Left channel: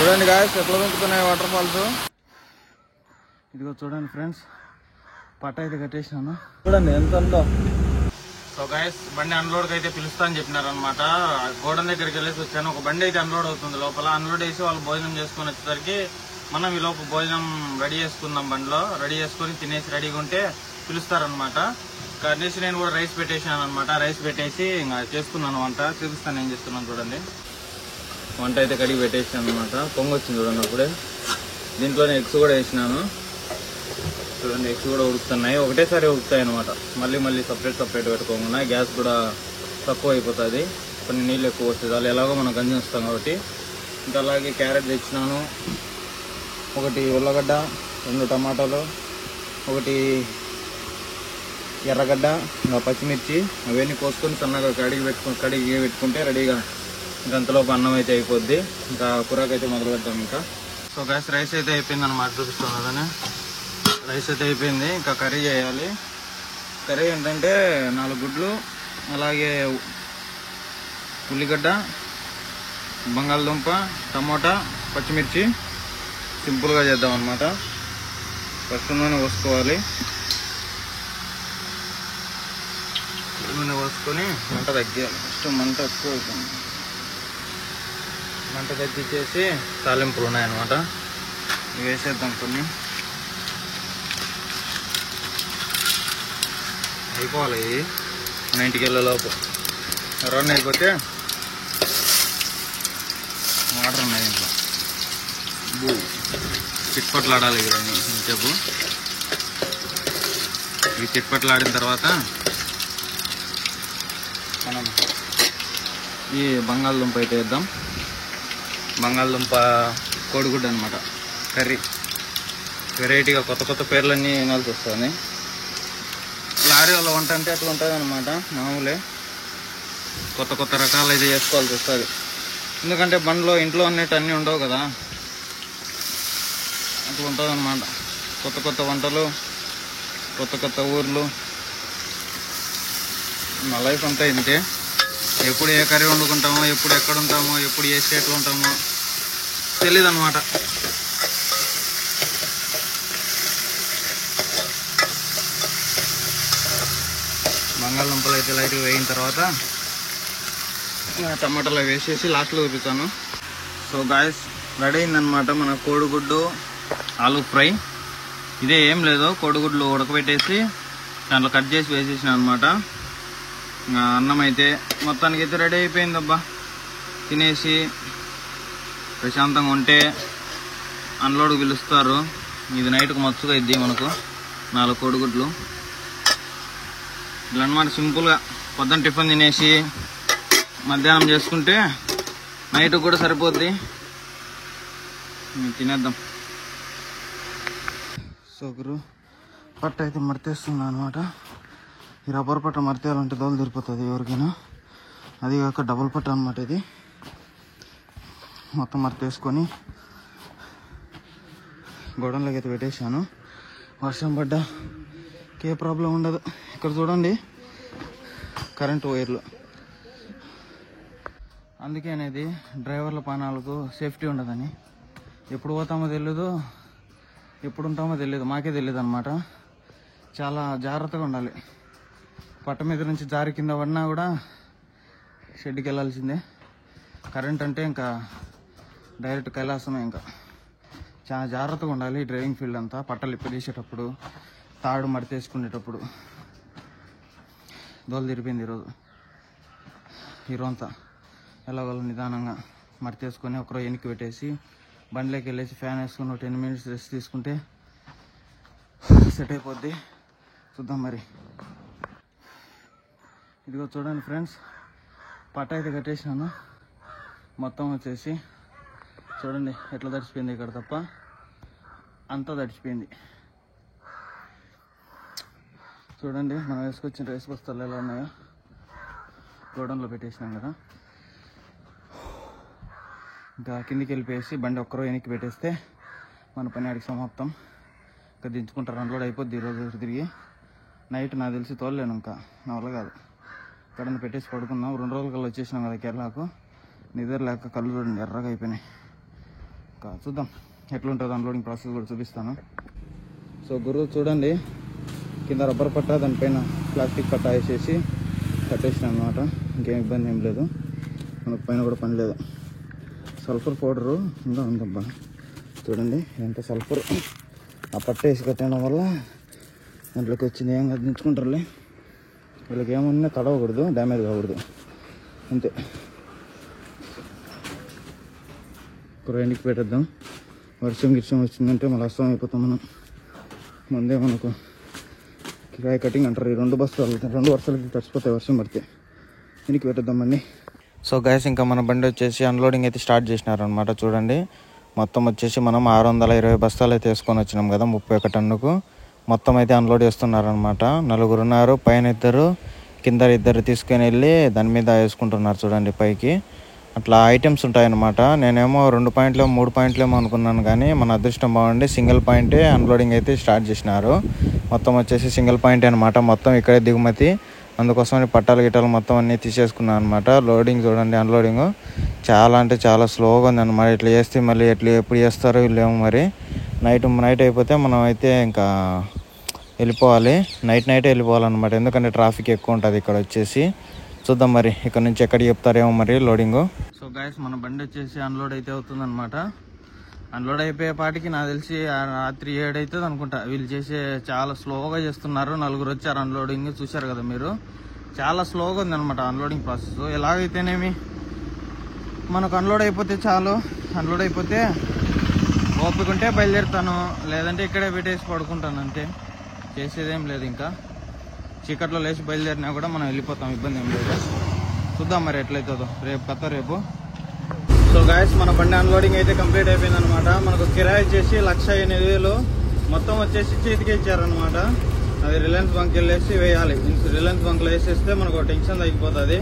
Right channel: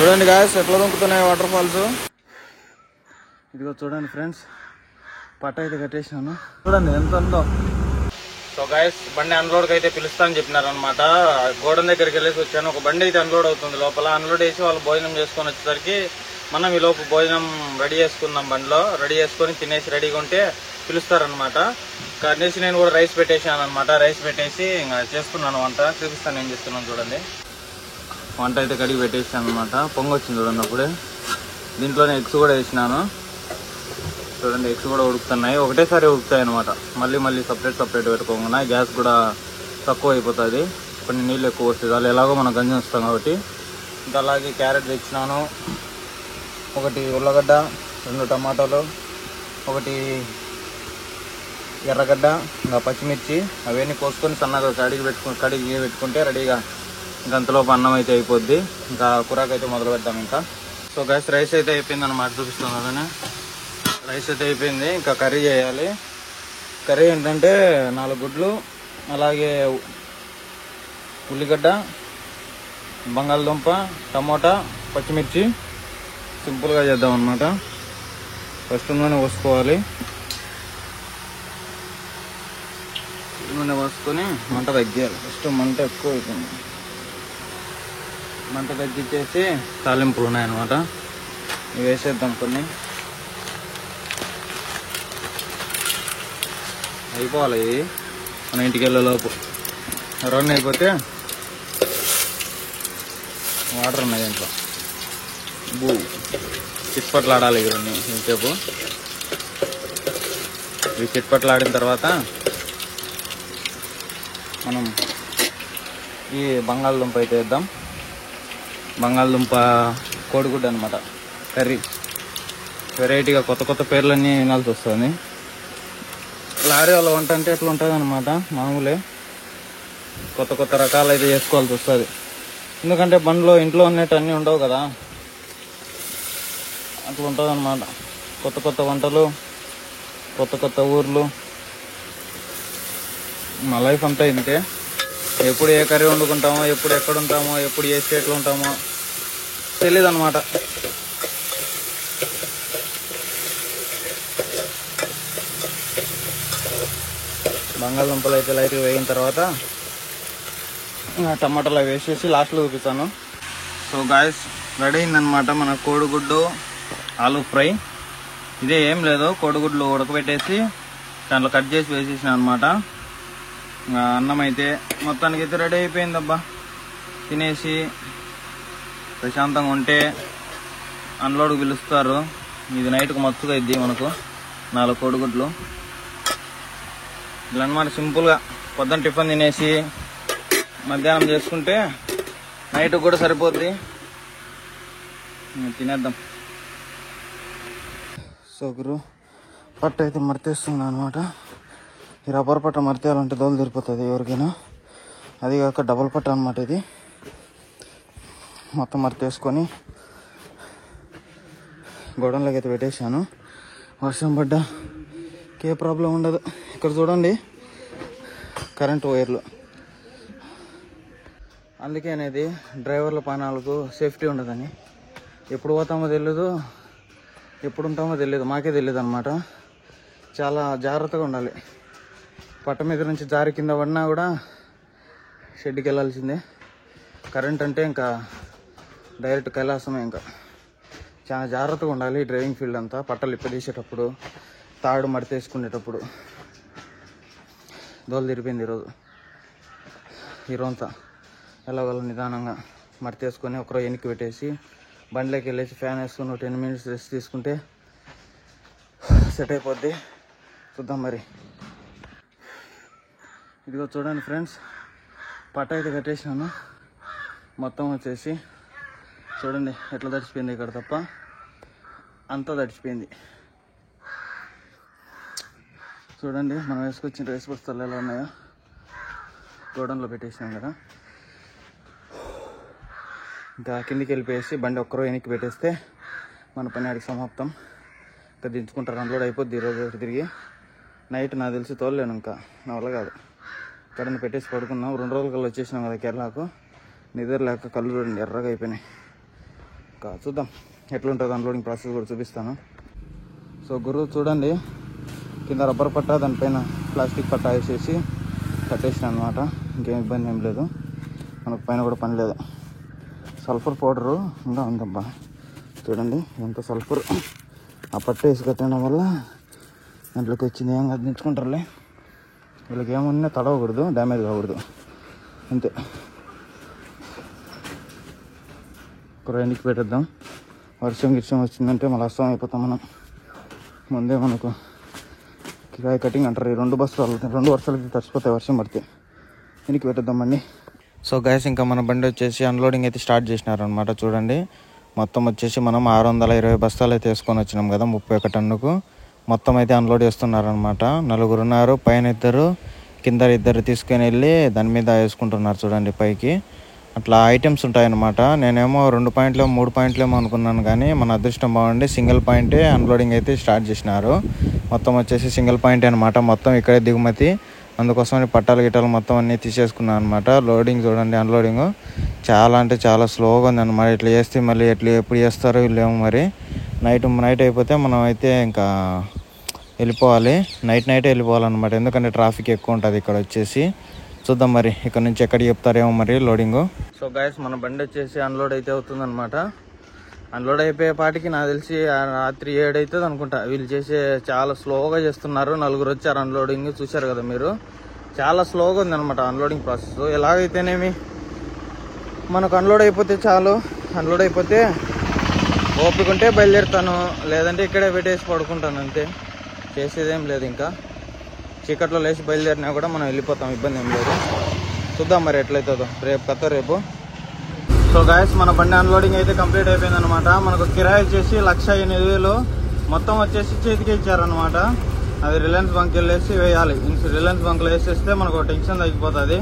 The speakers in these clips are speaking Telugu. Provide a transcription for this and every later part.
చూడండి గాయస్ ఎట్లా దొరుకుతున్నాయి వాటర్ ఫాల్స్. ఇదిగో చూడండి ఫ్రెండ్స్, పట్ట అయితే కట్టేసినాను. చూడండి ఎంత ఉందో. సో గాయస్ బండి అన్లోడ్కి అయితే పిలుస్తానని చెప్పినారనమాట. గోడౌన్ దగ్గరికి వెళ్ళేసి వచ్చాను. ఒక బండి అయితే అన్లోడ్ అవుతుంది. లోపల అన్లోడ్ వేసి వాళ్ళు భోజనం చేసుకొని వచ్చేసరికి మనం ఈ లోపు భోజనం రెడీ చేసుకుందాం. బండిలో రెడీ చేసుకొని తినేసి రెడీగా ఉంటే పిలుస్తారనమాట. కనేసి నేను కూడా రైస్ పెట్టేసాను అనమాట. రైస్ పెట్టేసి ఇంకా చేసుకున్నాను వంట. చూపిస్తాను ఏం చేస్తున్నాను చూడండి. వంట అయితే కడిగి పెట్టేసాను అనమాట. పొంగి వచ్చింది చూడండి అప్పుడే. దీంట్లోనే ఎగ్స్ కూడా వేసినాను చూడండి. ఎగ్స్ కూడా ఉడుకుతున్నాయి. ఒకటేసారి ఉడుకుతాయి అనమాట. మళ్ళీ సపరేట్ పెట్టుకోకుండా గ్యాస్ కూడా తక్కువ అయిపోతుంది. కొన్ని నీళ్ళు ఎక్కువ వస్తుంది. వాళ్ళు ఎలాగో మనం గంజి వస్తాం కాబట్టి. ఇంకా అలాగే క్యారెట్ తెచ్చినాను, ఒకటి ఉల్లగడ్డ, 2 టమాటాలు, ఒకటి ఎర్రగడ్డ, ఇంకా పచ్చిమిర్చి అవన్నీ కోసుకొని సన్నగా కడిగి పెట్టుకుంటే రెడీగా ఇంకా అంతలోపు అన్నం అయితే అయిపోద్ది. ఇంకా కూరకైతే మొదలు పెడతాం. ఇంకా సో గ్యాస్ రైస్ అయితే అయిపోయింది అనమాట. చూపిస్తాం కదనే. రైస్ అయితే అయిపోయింది. ఇంకా కర్రీ చేయాలి. కర్రీ ఏంటంటే 4 గుడ్లు, అలాగే ఉల్లిగడ్డ, బంగాళదుంప, టమోటా, పచ్చిమిర్చి. సింపుల్గా చేద్దాం అనమాట. ఫస్ట్ నూనె పోసుకోవాలి. నూనె పోసుకొని మంట తగ్గాలి. ఫస్ట్ మంట ఎక్కువ అవుతుంది. మంట తగ్గించేసి తాలింపులు ఉన్నాయన్నమాట. ఇవి వేసేద్దాం. కొన్ని అయిపోవాలి. ఇవి మన ఇంటికి వెళ్ళేలోపు రన్ అయిపోతే వాటర్ ఉన్నాయి ఇంట్లో. చిట్పట్లాడాలి ఇవన్నీ ఇంతసేపు. ఇవి చిట్పట్లాడిన తర్వాత మనం ఈ బంగాళదుంప అయితే వేద్దాం. బంగాళదుంప కోడిగుడ్డు అనమాట. కర్రీ వెరైటీగా కొత్త పేర్లన్నీ వినాల్సి వస్తుంది. లారీ వాళ్ళ వంట అంటే ఎట్లా ఉంటుంది అనమాట. మామూలే కొత్త రకాలు అయితే చేసుకోవాల్సి వస్తుంది. ఎందుకంటే బండ్లో ఇంట్లో ఉన్నట్టు అన్నీ ఉండవు కదా. అట్లా ఉంటుంది అనమాట. కొత్త వంటలు, కొత్త ఊర్లు. మా లైఫ్ అంతా ఇంతే. ఎప్పుడు ఏ కర్రీ వండుకుంటామో, ఎప్పుడు ఎక్కడ ఉంటామో, ఎప్పుడు ఏ స్టేట్లో ఉంటామో తెలీదు అనమాట. బంగాళదుంపలు అయితే లైట్గా వేగిన తర్వాత టమాటాలు వేసేసి లాస్ట్లో చూపిస్తాను. సో గాయస్ రెడీ అయిందనమాట మన కోడిగుడ్డు ఆలూ ఫ్రై. ఇదే ఏం లేదు, కోడిగుడ్లు ఉడకబెట్టేసి దాంట్లో కట్ చేసి వేసేసిన అనమాట. ఇంకా అన్నం అయితే మొత్తానికి అయితే రెడీ అయిపోయిందబ్బా. తినేసి ప్రశాంతంగా ఉంటే అన్లోడ్కి పిలుస్తారు. ఇది నైట్కి మచ్చుగా ఇద్ది మనకు 4 కోడిగుడ్లు. ఇట్లా అనమాట సింపుల్గా. పొద్దున్న టిఫిన్ తినేసి మధ్యాహ్నం చేసుకుంటే నైట్ కూడా సరిపోద్ది. తినేద్దాం. సో గురు పట్ట అయితే మర్తేస్తున్నా అనమాట. ఈ రబ్బర్ పట్ట మర్తేయాలంటే దోలు తీరిపోతుంది ఎవరికైనా. అది కాక డబుల్ పట్ట అనమాట. ఇది మొత్తం మర్తేసుకొని గోడౌన్లోకి అయితే పెట్టేశాను. వర్షం పడ్డా ఏ ప్రాబ్లం ఉండదు. ఇక్కడ చూడండి కరెంట్ వైర్లు. అందుకే అనేది డ్రైవర్ల ప్రాణాలకు సేఫ్టీ ఉండదని. ఎప్పుడు పోతామో తెలియదు, ఎప్పుడు ఉంటామో తెలియదు, మాకే తెలియదు అనమాట. చాలా జాగ్రత్తగా ఉండాలి. పట్ట మీద నుంచి జారి కింద పడినా కూడా షెడ్కి వెళ్ళాల్సిందే. కరెంట్ అంటే ఇంకా డైరెక్ట్ కైలాసమే. ఇంకా చాలా జాగ్రత్తగా ఉండాలి డ్రైవింగ్ ఫీల్డ్ అంతా. పట్టలు ఇప్పదీసేటప్పుడు, తాడు మడితేసుకునేటప్పుడు. దోలు తిరిపోయింది ఈరోజంతా. ఎలాగోలా నిదానంగా మడితేసుకొని ఒకరో వెనక్కి పెట్టేసి బండిలోకి వెళ్ళేసి ఫ్యాన్ వేసుకొని 10 మినిట్స్ రెస్ట్ తీసుకుంటే సెట్ అయిపోద్ది. చూద్దాం మరి. ఇదిగో చూడండి ఫ్రెండ్స్, పట్ట అయితే కట్టేసినాను. మొత్తం వచ్చేసి చూడండి ఎట్లా తడిచిపోయింది. ఇక్కడ తప్ప అంతా తడిచిపోయింది. చూడండి మనం వేసుకొచ్చిన రైస్ బస్తాలు ఎలా ఉన్నాయో. గోడౌన్లో పెట్టేసినాం కదా. ఇంకా కిందికి వెళ్ళిపోయేసి బండి ఒక్కరో వెనక్కి పెట్టేస్తే మన పని ఆడికి సమాప్తం. ఇంకా దించుకుంటారు. అన్లోడ్ అయిపోద్ది ఈరోజు తిరిగి. నైట్ నాకు తెలిసి తోలలేను, ఇంకా నా వల్ల కాదు. ఇక్కడ పెట్టేసి పడుకున్నాం. 2 రోజుల కల్లా వచ్చేసినాం కదా కేరళకు. నిద్ర లేక కళ్ళు చూడండి ఎర్రగా అయిపోయినాయి. చూద్దాం ఎట్లుంటుంది అన్లోడింగ్ ప్రాసెస్ కూడా చూపిస్తాను. సో గురువు చూడండి, కింద రబ్బర్ పట్ట దానిపైన ప్లాస్టిక్ పట్ట వేసేసి కట్టేసిన అనమాట. ఇంకేం ఇబ్బంది ఏం లేదు, మనకు పైన కూడా పని లేదు. సల్ఫర్ పౌడరు ఇంకా ఉందబ్బా, చూడండి ఎంత సల్ఫర్. ఆ పట్ట వేసి కట్టడం వల్ల దాంట్లోకి వచ్చింది ఏం కాదు, దించుకుంటారులే. వీళ్ళకి ఏమున్నా తడవకూడదు, డ్యామేజ్ కాకూడదు, అంతే. ఒక రైన్కి పెట్టేద్దాం. వర్షం వచ్చిందంటే మళ్ళీ అస్తం అయిపోతాం మనం. ముందే మనకు కిరాయి కటింగ్ అంటారు. ఈ 2 వర్షాలకి తడిచిపోతాయి వర్షం పడితే. వెనక్కి పెట్టేద్దామండి. సో గైస్, ఇంకా మన బండి వచ్చేసి అన్లోడింగ్ అయితే స్టార్ట్ చేసినారనమాట. చూడండి, మొత్తం వచ్చేసి మనం 620 బస్తాలు అయితే వేసుకొని వచ్చినాం కదా, 31 టన్నుకు. మొత్తం అయితే అన్లోడ్ చేస్తున్నారనమాట. 4 ఉన్నారు, పైన 2, కింద 2 తీసుకొని వెళ్ళి దాని మీద వేసుకుంటున్నారు. చూడండి పైకి అట్లా ఐటమ్స్ ఉంటాయన్నమాట. నేనేమో 2 పాయింట్లు 3 పాయింట్లు ఏమో అనుకున్నాను, కానీ మన అదృష్టం బాగుండి సింగిల్ పాయింటే అన్లోడింగ్ అయితే స్టార్ట్ చేసినారు. మొత్తం వచ్చేసి సింగిల్ పాయింట్ అనమాట. మొత్తం ఇక్కడే దిగుమతి, అందుకోసమని పట్టాలు గిట్టాలు మొత్తం అన్నీ తీసేసుకున్నాను అనమాట. లోడింగ్ చూడండి, అన్లోడింగ్ చాలా అంటే చాలా స్లోగా ఉంది అనమాట. ఇట్లా చేస్తే మళ్ళీ ఎప్పుడు చేస్తారో వీళ్ళేమో మరి. నైట్ అయిపోతే మనం అయితే ఇంకా వెళ్ళిపోవాలి. నైట్ వెళ్ళిపోవాలన్నమాట, ఎందుకంటే ట్రాఫిక్ ఎక్కువ ఉంటుంది ఇక్కడ వచ్చేసి. చూద్దాం మరి ఇక్కడ నుంచి ఎక్కడికి చెప్తారేమో మరి లోడింగ్. సో గైస్, మన బండి వచ్చేసి అన్లోడ్ అయితే అవుతుంది అనమాట. అన్లోడ్ అయిపోయే పాటికి నాకు తెలిసి రాత్రి 7 అవుతుంది అనుకుంటా. వీళ్ళు చాలా స్లోగా చేస్తున్నారు. 4 వచ్చారు అన్లోడింగ్, చూశారు కదా మీరు. చాలా స్లోగా ఉంది అనమాట అన్లోడింగ్ ప్రాసెస్. ఎలాగైతేనేమి మనకు అన్లోడ్ అయిపోతే చాలు. అన్లోడ్ అయిపోతే ఓపిక ఉంటే బయలుదేరుతాను, లేదంటే ఇక్కడే పెట్టేసి పడుకుంటాను, అంతే. చేసేదేం లేదు. ఇంకా చీకట్లో లేచి బయలుదేరినా కూడా మనం వెళ్ళిపోతాం, ఇబ్బంది ఏం లేదు. చూద్దాం మరి ఎట్లయితుందో రేపు. సో గైస్, మన బండి అన్లోడింగ్ అయితే కంప్లీట్ అయిపోయింది అనమాట. మనకు కిరాయి వచ్చేసి 1,08,000 మొత్తం వచ్చేసి చేతికి ఇచ్చారనమాట. అది రిలయన్స్ బంక్ వెళ్ళేసి వేయాలి. రిలయన్స్ బంక్ లో వేసేస్తే మనకు టెన్షన్ తగ్గిపోతుంది.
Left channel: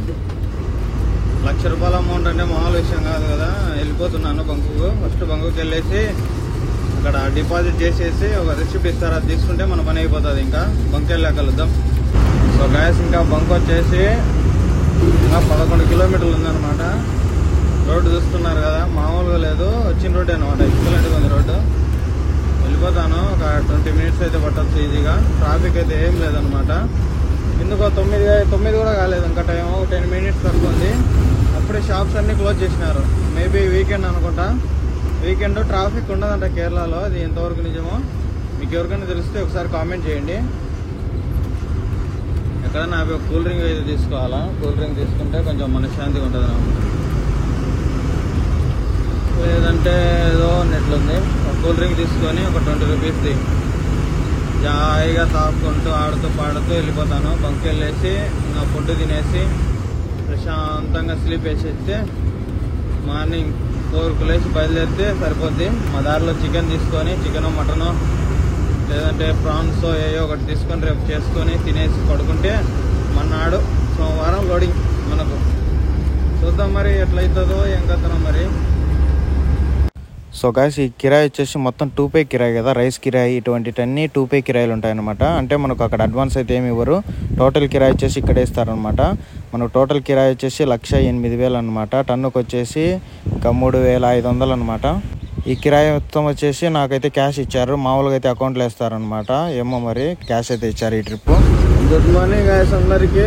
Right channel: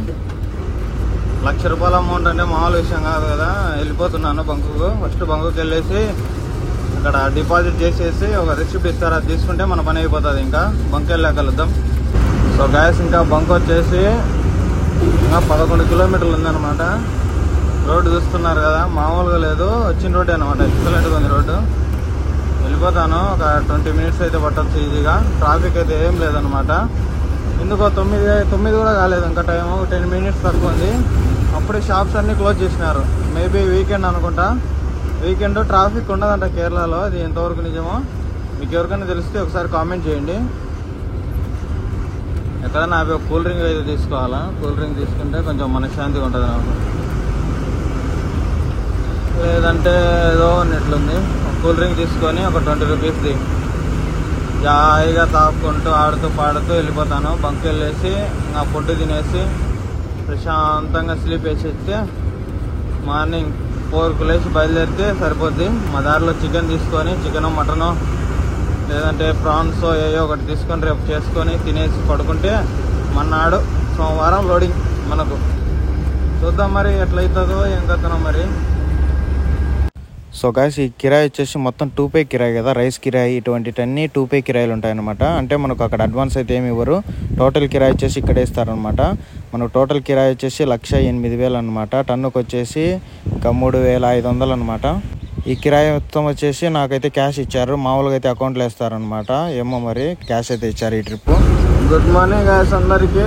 1,00,000 రూపాయల అమౌంట్ అంటే మామూలు విషయం కాదు కదా. వెళ్ళిపోతున్నాను బంకుకు. ఫస్ట్ బంకుకి వెళ్ళేసి అక్కడ డిపాజిట్ చేసేసి ఒక రిసిప్ట్ ఇస్తారు, అది తీసుకుంటే మన పని అయిపోతుంది. ఇంకా బంక్ వెళ్ళాక కలుద్దాం. సో గైస్, ఇంకా బంక్ వచ్చేసి ఇంకా 11 కిలోమీటర్లు ఉందన్నమాట. రోడ్డు చూస్తున్నారు కదా, మామూలుగా లేదు. వచ్చిన రోడ్డు అనమాట, ఎక్సలెంట్గా ఉంది రోడ్డు. వెళ్ళిపోతాను, ఒక 20 మినిట్స్ అయితే పట్టొచ్చు ఈజీగా. ట్రాఫిక్ అయితే ఏం లేదనమాట. ఎందుకో 9 కూడా కాలేదు ఇంకా టైం, 10 మినిట్స్ తక్కువ ఉంది. అప్పుడే షాప్స్ అన్ని క్లోజ్ చేసినారు. మేబీ వీకెండ్ అనుకుంటా. వీకెండ్ ట్రాఫిక్ ఉండదంట కేరళలో. అది ఎంతవరకు నిజమో మీకు ఎవరికైనా తెలిస్తే ఒకసారి కామెంట్ చేయండి. ఎక్కడ నాకు కూల్ డ్రింక్ అయితే తీసుకోవాలా. కూల్ డ్రింక్ తీసుకుంటే కొంచెం మనశ్శాంతిగా ఉంటుంది, లేదంటే ఏదో నెట్లుంది. కూల్ డ్రింక్ తీసుకొని ఒక 20 రూపీస్ది జాయిగా తాపుకుంటూ ఆడుతూ పాడుతూ వెళ్ళిపోతాను. బంక్ వెళ్ళేసి నా ఫుడ్ తినేసి ప్రశాంతంగా స్లీప్ వేసేస్తే మార్నింగ్ 4కు లేచి బయలుదేరితే సరిపోద్ది. మా దారిలో చికెన్ తీసుకొని, చికెన్ మటను లేదంటే ప్రాన్స్ ఏయో ఒకటి తీసుకొని రేపు చేసుకొని తినేసి పడుకుంటే మన్నాడు సోమవారం లోడింగ్ మనకు. చూద్దాం మరి ఎట్లయితుందో ఏం కథనో మరి. సో గాయస్, ఈ కిరాయి వచ్చేసి మొత్తం 2 పే కిరాయి కదా, రైస్ కిరాయి ఇటువంటివన్నీ 2 పే కిరాయిలు ఉంటాయన్నమాట. అంటే మనకు అక్కడ అడ్వాన్స్ అయితే ఏమి ఇవ్వరు. టోటల్ కిరాయి వచ్చేసి ఇక్కడ ఇస్తారనమాట. మనకు టోటల్ కిరాయి వచ్చేసి 1,08,000 అనమాట. టన్నుకు వచ్చేసి ఇంకా 3,500 అనమాట. ఈ కిరాయి మొత్తం వచ్చేసి నాకైతే క్యాష్ ఇచ్చారు. మామూలుగా అయితే అకౌంట్లో వేస్తారనమాట. ఏమో మరి క్యాష్ అయితే ఇచ్చారు ఈ ట్రిప్. గుడ్ మార్నింగ్ గాయస్ అందరికి.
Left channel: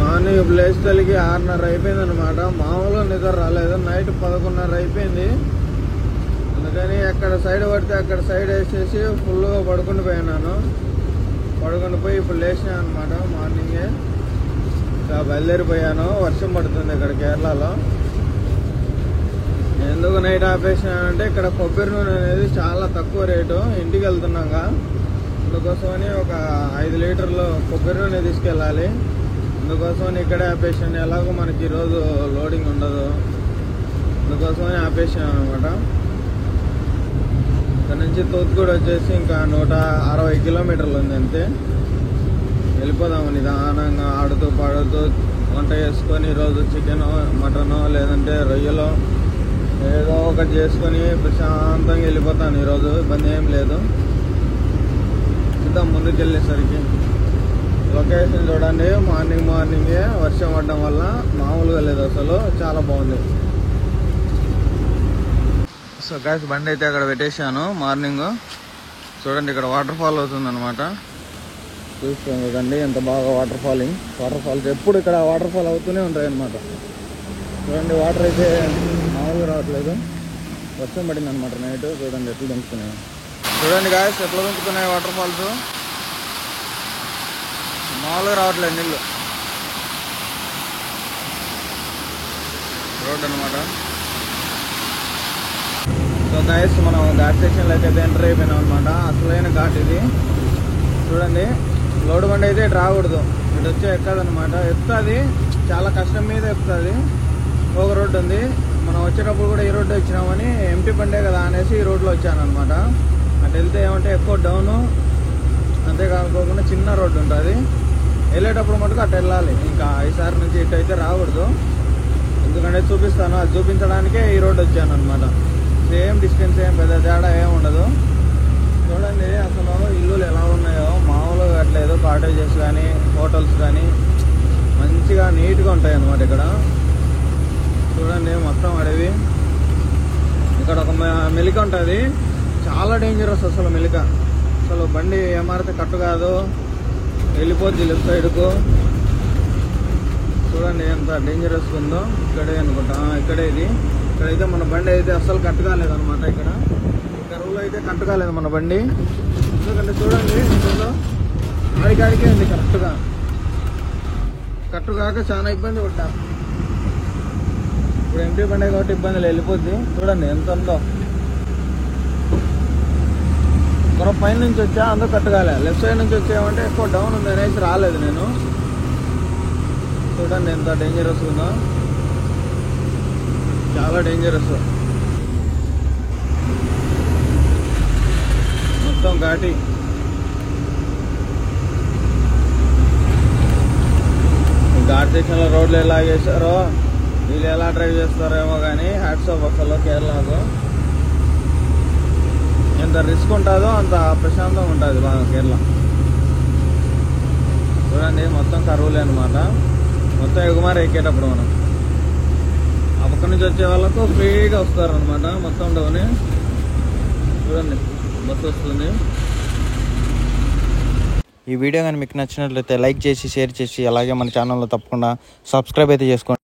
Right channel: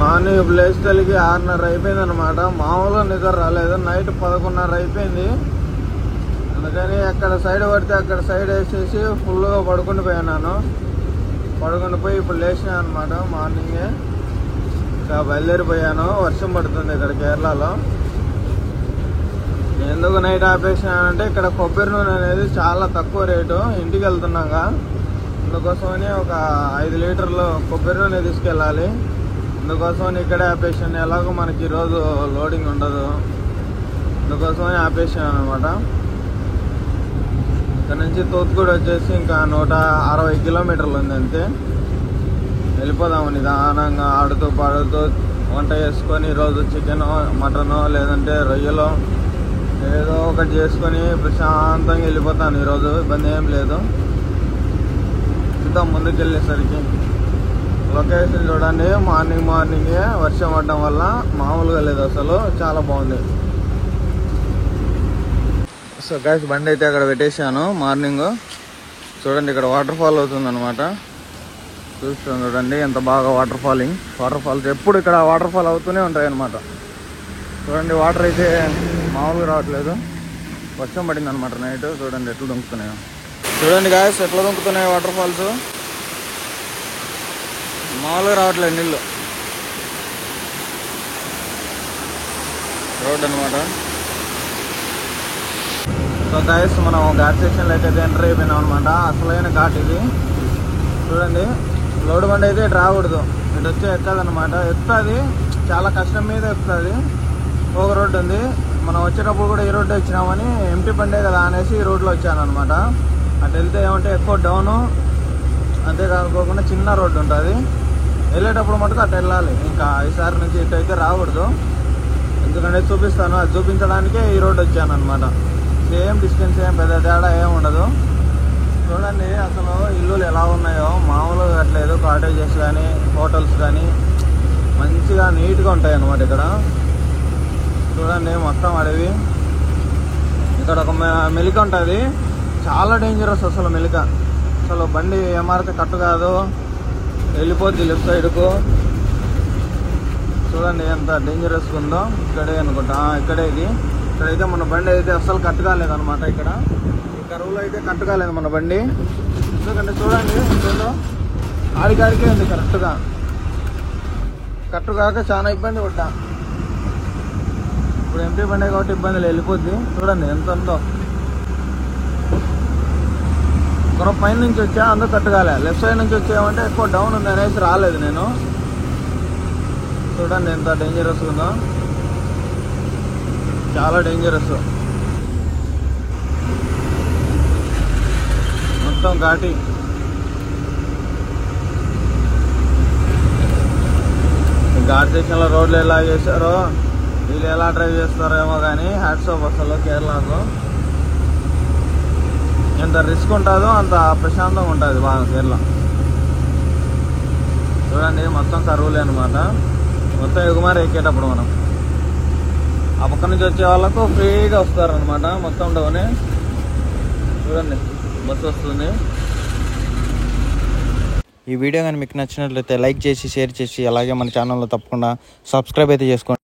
మార్నింగ్ లేచేసరికి 6:30 అయిపోయింది అనమాట. మామూలుగా నిద్ర రాలేదు. నైట్ 11:30 అయిపోయింది. అందుకని అక్కడ సైడ్ పడితే అక్కడ సైడ్ వేసేసి ఫుల్గా పడుకుని పోయాను. పడుకుని పోయి ఇప్పుడు లేచినా అనమాట. మార్నింగే ఇంకా బయలుదేరిపోయాను. వర్షం పడుతుంది ఇక్కడ కేరళలో. ఎందుకు నైట్ ఆపేసినానంటే ఇక్కడ కొబ్బరి నూనె అనేది చాలా తక్కువ రేటు. ఇంటికి వెళ్తున్నాగా, అందుకోసమని ఒక 5 లీటర్లు కొబ్బరి నూనె తీసుకెళ్ళాలి. అందుకోసమని ఇక్కడే ఆపేసాను. ఎలాగో మనకి ఈరోజు లోడింగ్ ఉండదు, అందుకోసమని ఆపేసాను అనమాట. ఇక్కడ నుంచి తూత్తుగూడ వచ్చేసి ఇంకా 160 కిలోమీటర్లు ఉంది అంతే. వెళ్ళిపోదాము నిదానంగా ఆడుతూ పాడుతూ వంట చేసుకొని ఈరోజు చికెన్ మటన్ లేదంటే రొయ్యలు ఏదో ఒకటి చేసుకొని ప్రశాంతంగా వెళ్ళిపోతాను ఈరోజు. ఇబ్బంది ఏం లేదు. చూద్దాం ముందుకు వెళ్ళేసరికి. లొకేషన్ చూడండి, మార్నింగే వర్షం పడడం వల్ల మామూలుగా లేదు అసలు, చాలా బాగుంది. సో గైస్ బండి అయితే అక్కడ పెట్టేశాను మార్నింగ్. చూడండి ఇక్కడ వాటర్ ఫాల్ అవుతుంది అనమాట. చూస్తాం చూడండి ఎంత బాగా వాటర్ ఫాల్స్ ఎప్పుడు ఇక్కడ వాటర్ ఫాల్ అవుతూనే ఉంటాయి అనమాట. చూడండి వాటర్ అయితే మామూలుగా రావట్లేదు, వర్షం పడింది అనమాట నైట్. చూడండి ఎట్లు దుంకుతున్నాయో, చూడండి గాయస్ ఎట్లా దుంకుతున్నాయి వాటర్ ఫాల్స్. మామూలుగా రావట్లేదు నీళ్ళు. రోడ్ అనమాట. సో గైస్ మనం ఘాట్ సెక్షన్లో అయితే ఎంటర్ అయిపోయినాం అనమాట. అసలైన ఘాట్ ఇది. చూడండి లోడ్ బండి అయితే ఇటు రాకూడదు, ఇటు వచ్చే ఎక్కదనమాట. ఎక్కుతుంది, చాలా కష్టం మీద ఎక్కుతుంది. ఒక రోడ్డు ఉంది, మనం వచ్చేటప్పుడు కూడా ఈ రోడ్డు వచ్చినామని ఎంటీ బండే కదా అనేసి ఈ రోడ్లో వచ్చాను అనమాట. అటు వెళ్తే ఏమంటే ఎక్కువ డౌను, అంతేకాకుండా చిన్న రోడ్డు ఉంటుంది. వెళ్ళేటప్పుడు మటుకు అటు వెళ్ళాలి. ఇంకా ఈసారి నుంచి ఇటు అయితే రాకూడదు, ఎందుకంటే చూపిస్తాను. అది చూపించడానికే ఈ రోడ్డు వచ్చాను అనమాట. సేమ్ డిస్టెన్స్, ఏం పెద్ద తేడా ఏం ఉండదు. చూడండి అసలు ఇల్లులు ఎలా ఉన్నాయో, మామూలుగా కట్టలేదు. కాటేజెస్ కానీ హోటల్స్ కానీ మంచిగా నీట్గా ఉంటాయి అన్నమాట ఇక్కడ. చూడండి మొత్తం అడవి. ఇక్కడ ఒక మెలిక ఉంటుంది, చాలా డేంజరస్ అసలు మెలిక. అసలు బండి ఏమారితే కట్టు కాదు, వెళ్ళిపోద్ది లెఫ్ట్ సైడ్కు. చూడండి ఎంత డేంజరస్గా ఉందో. ఇక్కడే అనుకుంటా, ఇక్కడే ఇది. ఇక్కడైతే మన బండి అయితే అస్సలు కట్టు కాలేదు అనమాట. ఇక్కడ ఈ కరువులో అయితే కట్టు కాలేదు మన బండి. ఎందుకంటే చూడండి ఆడికాడికే ఉంది కరెక్ట్గా. కట్టు కాక చాలా ఇబ్బంది పడ్డా. ఇప్పుడు ఎంపీ బండి కాబట్టి ఇబ్బందులు వెళ్ళిపోద్ది. చూడండి ఎంత ఉందో. ఇప్పుడు పైన నుంచి వచ్చా అంతా కట్టు కాలే. లెఫ్ట్ సైడ్ నుంచి వచ్చామంటే ఎక్కువ డౌన్ ఉంది అనేసి రాలేదు నేను. చూడండి ఎంత డేంజరస్ ఉందో, చాలా డేంజరస్. మొత్తం ఘాటి. ఘాట్ సెక్షన్లో రోడ్లు ఎలా చేశారో, వీళ్ళు ఎలా డ్రైవ్ చేస్తారో ఏమో కానీ హ్యాట్స్ ఆఫ్ అసలు కేరళలో. ఎంత రిస్క్ ఉంటుందో అంత ప్రశాంతంగా ఉంటుంది బాగా కేరళ. చూడండి మొత్తం కరువులే అనమాట. మొత్తం ఎగుమారి ఎక్కేటప్పుడు మనం ఆ పక్క నుంచి వచ్చే వాళ్ళకు ఫ్రీగా వస్తారు అనమాట. మొత్తం డౌనే. చూడండి బస్సు వస్తుంది. ఈ వీడియో కానీ మీకు నచ్చినట్లయితే లైక్ చేసి, షేర్ చేసి, అలాగే మన ఛానల్లో తప్పకుండా సబ్స్క్రైబ్ అయితే చేసుకోండి.